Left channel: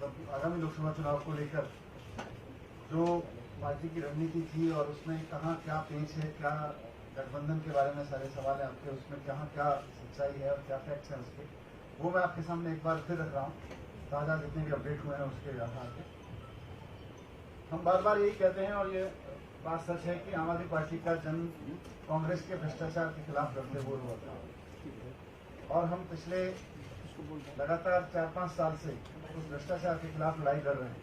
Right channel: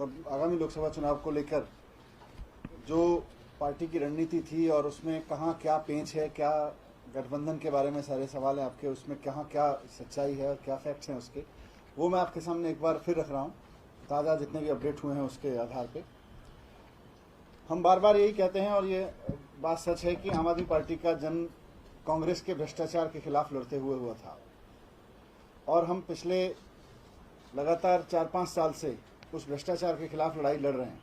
आगामी लोकसभा चुनाव को लेकर जो पार्टी की रणनीति थी और उसमें कहाँ क्या पेंच है, क्या गठबंधन के बारे में सारे सवाल हैं आपके, उसमें कहाँ क्या सच्चाई है और क्या फैक्ट्स हैं उसके, वो मैं आपके सामने एक बार फिर रख रहा हूँ। ताज़ा जितने भी अपडेट हुए हैं उसके आधार पे हम बार बार यही कहते हैं, और ये बात सच है कि आम आदमी पार्टी का जन्म कांग्रेस के भ्रष्टाचार के खिलाफ लड़ते हुए हुआ था, और हम पिछले लगातार 4-5 साल से उस भ्रष्टाचार के खिलाफ लड़ाई लड़ रहे हैं।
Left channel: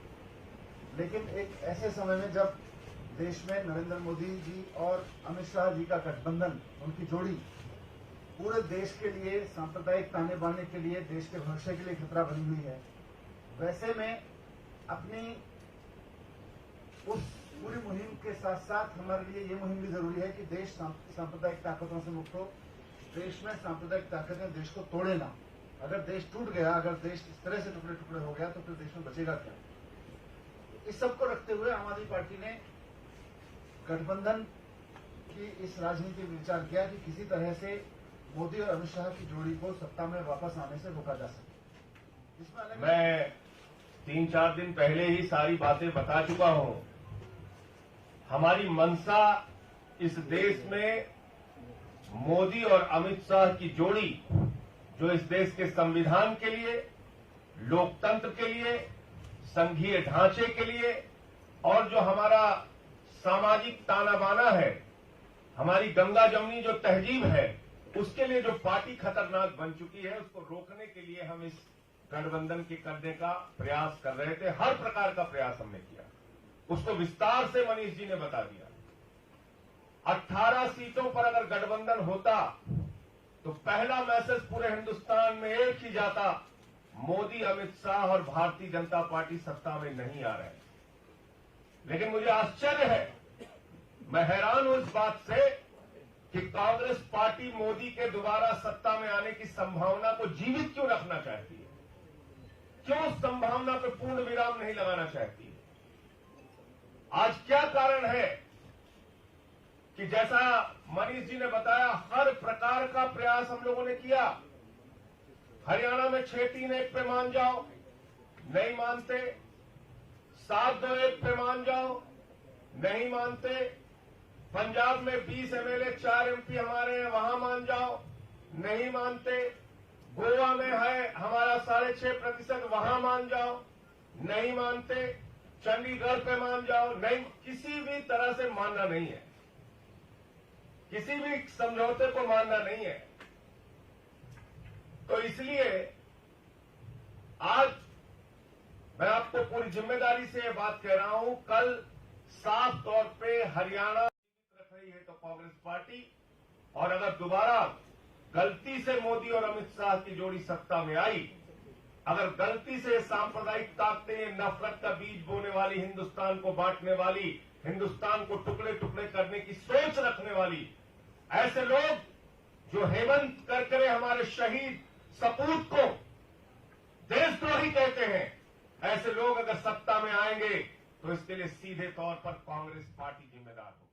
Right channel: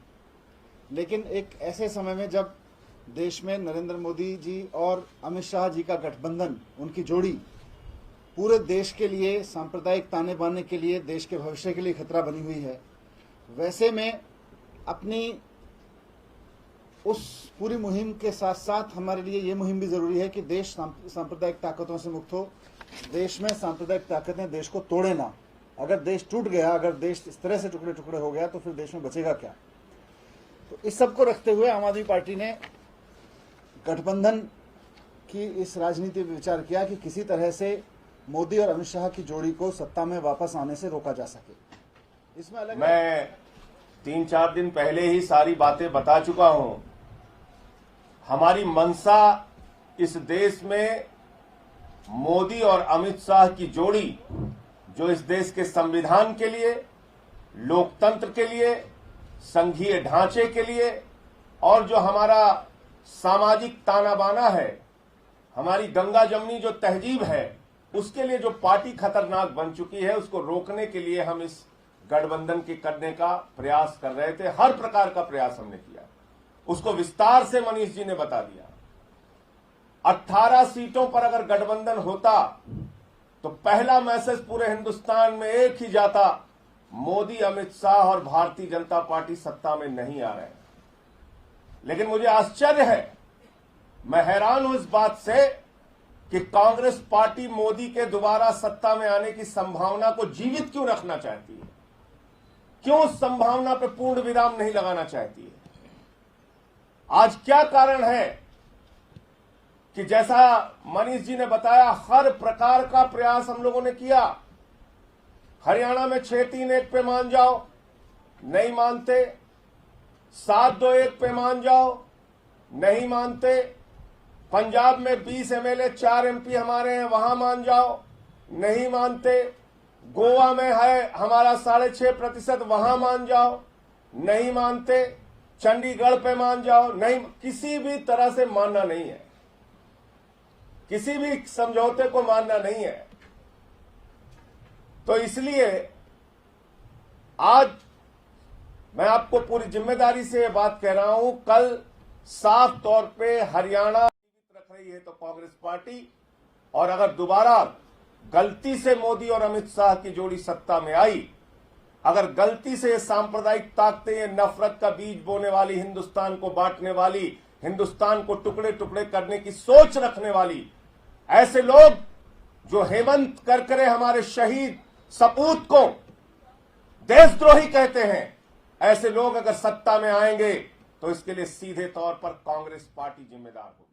लेकिन एक ऐसे समय में जब देश में नरेंद्र मोदी जी और अमित शाह जी का गठबंधन, उनकी जोड़ी पूरे देश के लिए सांप्रदायिक ताने बाने के लिए, देश के भविष्य के लिए खतरा बनी हुई है, वैसे में अपनी उस पूरी मुहिम के साथ साथ हमारे लिए ये मुहिम भी जरूरी है कि देश सांप्रदायिक ताकतों से मुक्त हो। देश में सांप्रदायिक ताकतें देश को तोड़े ना। अगर देश टूट गया, अगर देश इस तरह से टुकड़े टुकड़े हो गया तो फिर देश में बचेगा क्या। तो इस सब को रखते हुए आम आदमी पार्टी ने गठबंधन की इस राजनीति पर विचार किया कि किसी तरह से मोदी और अमित शाह की जोड़ी को सत्ता में वापस आने से रोका जा सके। इसमें अलग मैं 3-4 दिन पहले ही सारी बातें बता चुका हूं। हमारी मंशा इस देश में मोदी और अमित शाह की जोड़ी, जो इस देश के संविधान के लिए, लोकतंत्र के लिए, संघीय ढांचे के लिए और जो हमारा सामाजिक ताना बाना है, हमारी गंगा जमनी जो तहजीब है, उसके लिए जो पार्टी खतरनाक बन चुकी है, उसको रोकने के लिए हम इस गठबंधन के करने का प्रयास कर रहे थे। हर प्रकार का प्रयास हमने किया, उसको विस्तार से मनीष जी ने बता दिया। 18 सीटों पर अगर गठबंधन होता तो पहला मैसेज पूरे हिंदुस्तान में एक ही जाता, मोदी, अमित शाह और भारतीय जनता पार्टी सत्ता में नहीं आ रहे हैं। लेकिन मुझे आश्चर्य है, मैं हैरान हूं इस बात से कि कांग्रेस पार्टी मोदी के दोबारा सत्ता में आने की संभावना को जीवित क्यों रखना चाहती है, क्यों उस संभावना पर पूर्ण विराम नहीं लगाना चाहती है। आज क्या कारण है कि जैसा मनीष जी ने बताया, हर प्रकार का प्रयास हम लोगों ने किया। हरियाणा में 6-3-1 पे मान जाओ, नहीं मानते। 7-2-1 पे मान जाओ, नहीं मानते। पंजाब में 20 एमएलए, 4 एमपी हमारे हैं, वहां मान जाओ, नहीं मानते। गोवा में है हमारा 6.5%, वहां मान जाओ, नहीं मानते। चंडीगढ़ पे मान जाओ, नहीं। किसी भी तरह से मानना नहीं है, किसी भी समझौते को मानना नहीं है। तो इसलिए आज मैं आपको पूरी जिम्मेदारी से ये बात कह रहा हूं, कल साफ तौर पे हरियाणा रख रही है तो कांग्रेस पार्टी, और अगर दोबारा गलती से मोदी और अमित शाह की जोड़ी सत्ता में आई, अगर गलती से ये सांप्रदायिक ताकतें, ये नफरत का बीज बोने वाली, हिंदुस्तान को बांटने वाली, हिंदुस्तान को टुकड़े टुकड़े करने की सोच रखने वाली ऐसे लोग जो हेमंत करकरे हमारे शहीद सपूत को देशद्रोही कहते हैं, ऐसे लोग अगर सत्ता में आएंगे तो इसके लिए सीधे तौर पर कांग्रेस पार्टी जिम्मेदार होगी।